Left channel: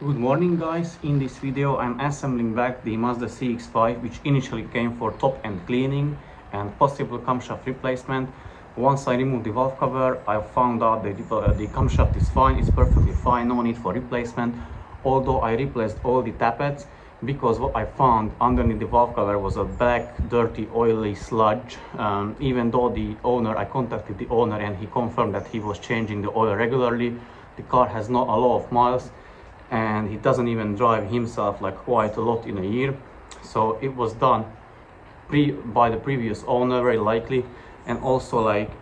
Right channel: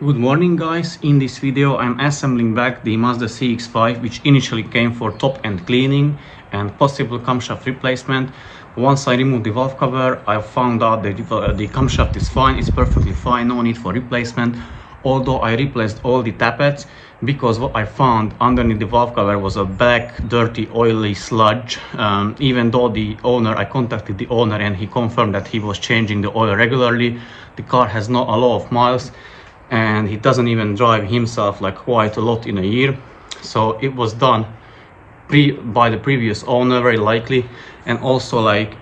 Good morning guys, in this video I'm assembling back the Mazda CX5 which initially came for top-end cleaning and possible camshaft replacement. Once I removed the valve cover, I found out that the camshaft is fine, it's perfectly fine, no need for replacement. Although I replaced all the tappets because what I found underneath the valve cover was a black, dirty, oily sludge. Even though I contacted the owner and he confirmed that he was changing the oil regularly. The car has not a lot of miles and he doesn't even drive himself like quite a lot in a year, so it was done by the previous owner very likely. And also, like,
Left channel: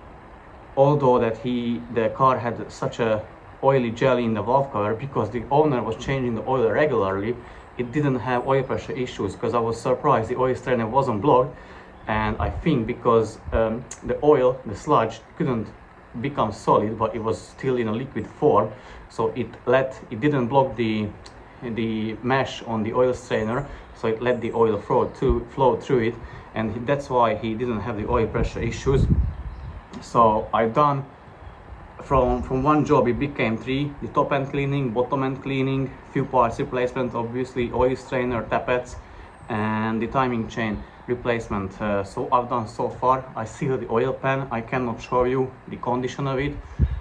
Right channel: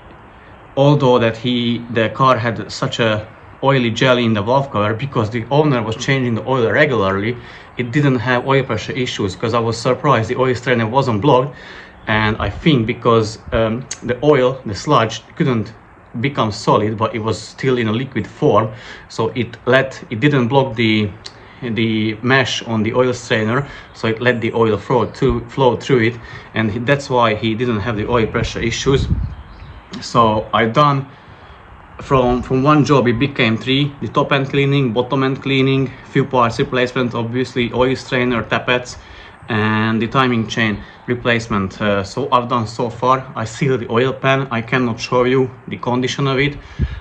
although that the car had such a oily jelly in the valve cover, because the owner was changing the oil regularly, it didn't have oil pressure issues. Because I was surprised the oil strainer wasn't blocked, and I think because the sludge couldn't become solid, but it was still in a liquid form, so it didn't block the mesh on the oil strainer, so it let the oil flow through it, and that's why he didn't have the oil pressure issues. So I done from one job it became three: the top end cleaning, bottom end cleaning, few parts replacement, obviously oil strainer, tappets, and the timing chain replacement. So I've done so far. I sealed the oil pan. I cannot show you the condition of it,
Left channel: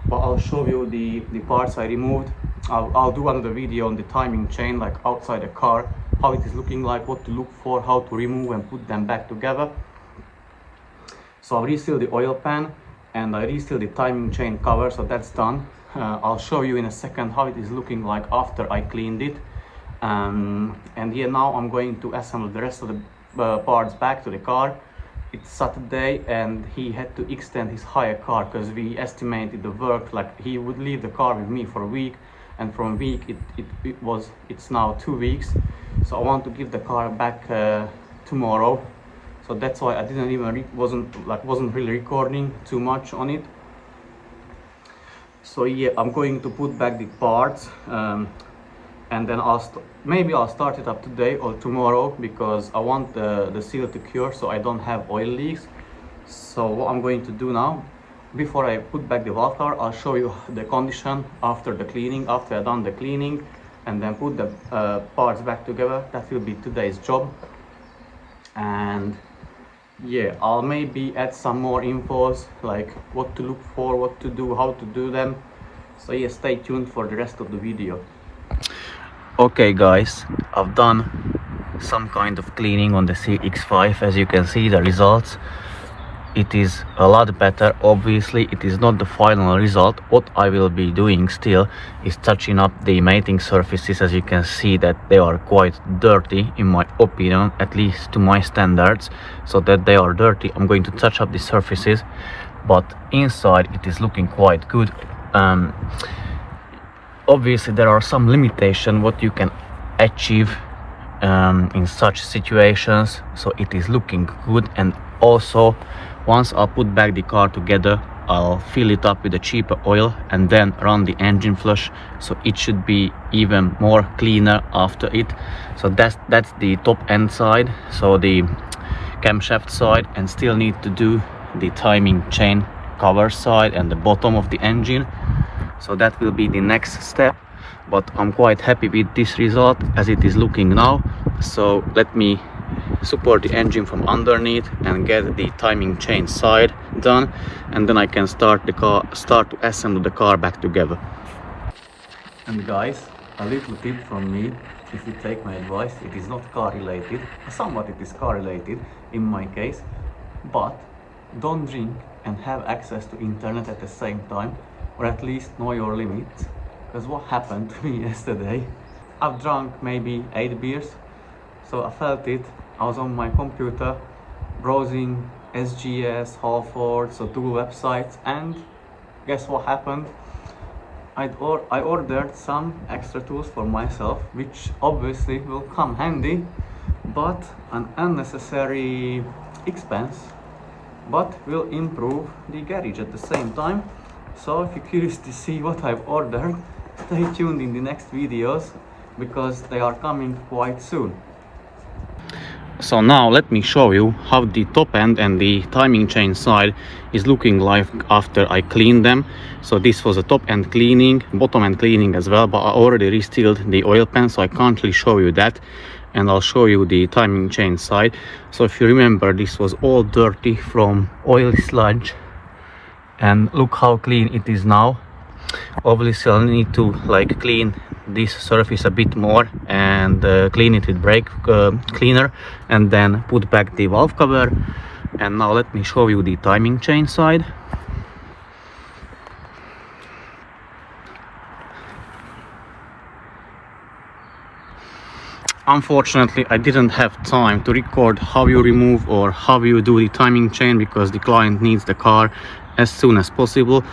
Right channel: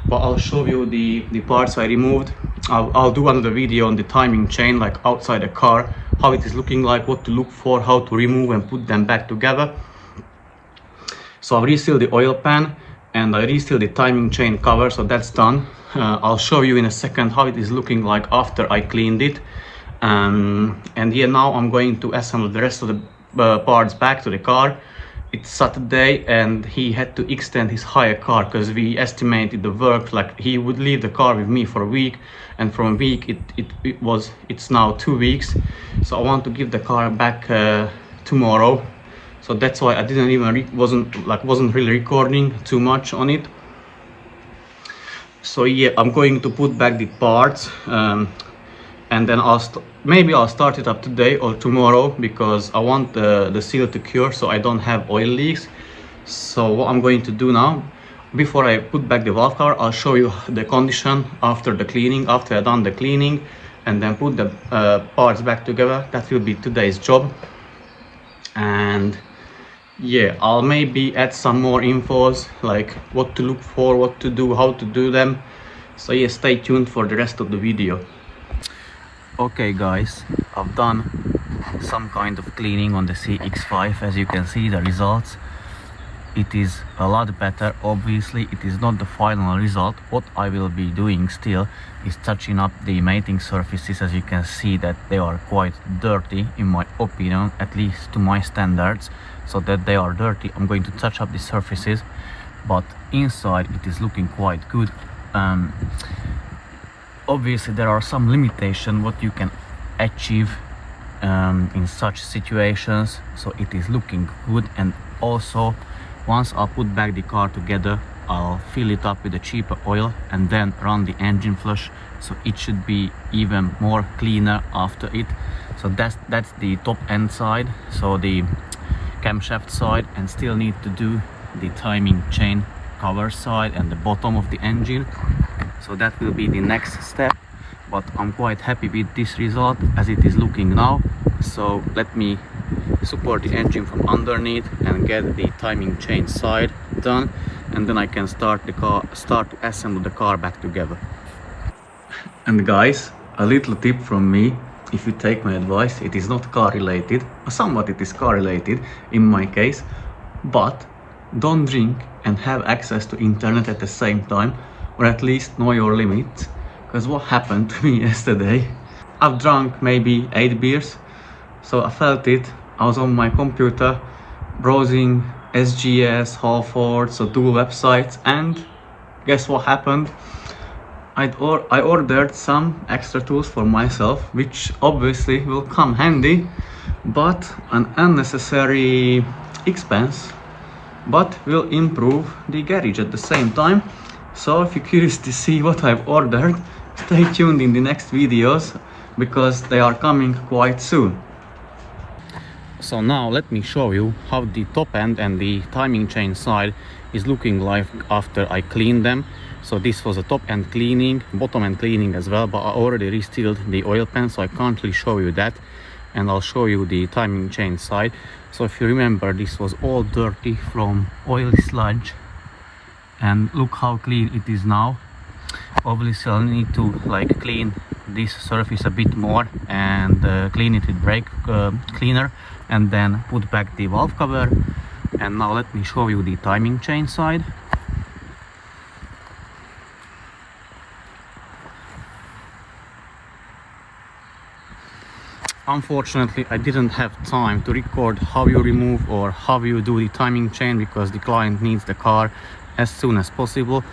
but I'll show you the parts I removed. I'll do another video on the timing chain, like outside the car, how it is looking like, what to look for, how to remove and put them back together. So I've resealed the oil pan and I resealed the timing chain cover, so that's done. I'll show you in a second how it is looking like after I cleaned it. And yeah, now I'm going to assemble the rest of the parts back to the car. It's Saturday and he had to extend his hire car because we estimated the work, like he would leave the car with me for a week, and from a week it's now 2 weeks. So I want to give the car back tomorrow, so that's why I didn't even wasn't really recording too much on it. So yeah, I'm going to put back the parts, and then maybe I'll start it up today or tomorrow, because I want the seal to cure so I don't have oil leaks. So what I'm going to do now, before I put back the valve cover, I'll show you the condition after the cleaning, after I've done the cleaning, and then put the parts back together. That will be today's job. And yeah, I'll maybe add some more infos, like what to look for, what to do, how to do them. So yeah, stay tuned for the rest of the video. Okay guys, I've done some kind of cleaning on the CX5. As you can see the results, it is a lot better. Obviously it is not the final result. What I will be doing still is touching up the mating surfaces. As you can see that they are quite dirty, in my opinion, at least to my standards. So that they are dirty, I'm going to touch up the surfaces, but inside it is looking quite good. Obviously there are some limitations what you can achieve in such situations, so it is looking good. And also, once I'll put back the car together, I'll fill it up with a cheaper oil and then run the engine flush, so it should be even more cleaner after it. So that's the top end side, so the camshaft side, and still need to do the timing chain cover side and the bottom of the engine. So that will be the next step, but I'm quite happy with this result as it is looking now. So let me support the engine from underneath and get the timing chain side done, and then I can start to assemble the car back together. And guys, a little tip from me: if you take my advice, it is not car related. Somewhat it is car related in my case, but don't drink and have access to internet at the same time, or at least know your limits. Because what happened to me yesterday, I've drunk maybe 8 beers, so I felt it. I was on my computer browsing SGS, Halford, so 2 websites, and guess what happened? I ordered some extra tools for myself, which obviously will come handy, but an unnecessary expense, but will improve the garage at the same time. So if you're curious to see what I've ordered, stay tuned in the next videos, because they are coming quite soon. So now let me show you how the top end and the timing chain side is looking like after I cleaned them. So this was a top end cleaning, bottom end cleaning as well, but I already resealed the oil pan, so I can't really show you that. And I'll show you the timing chain side. So if you remember, this was all dirty from oil sludge, and look how clean it is now. Obviously I'll need to like clean this surface a bit more and clean it with brake cleaner, and then put back the valve cover. And now let me show you the timing chain side. Unfortunately, I didn't have time to record how you remove or how you do the timing chain, because the client needs the car as soon as possible.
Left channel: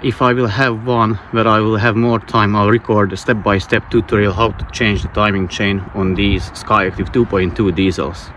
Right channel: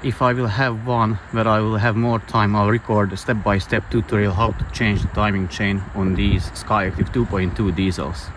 If I will have one where I will have more time, I'll record a step-by-step tutorial how to change the timing chain on these Skyactiv 2.2 diesels.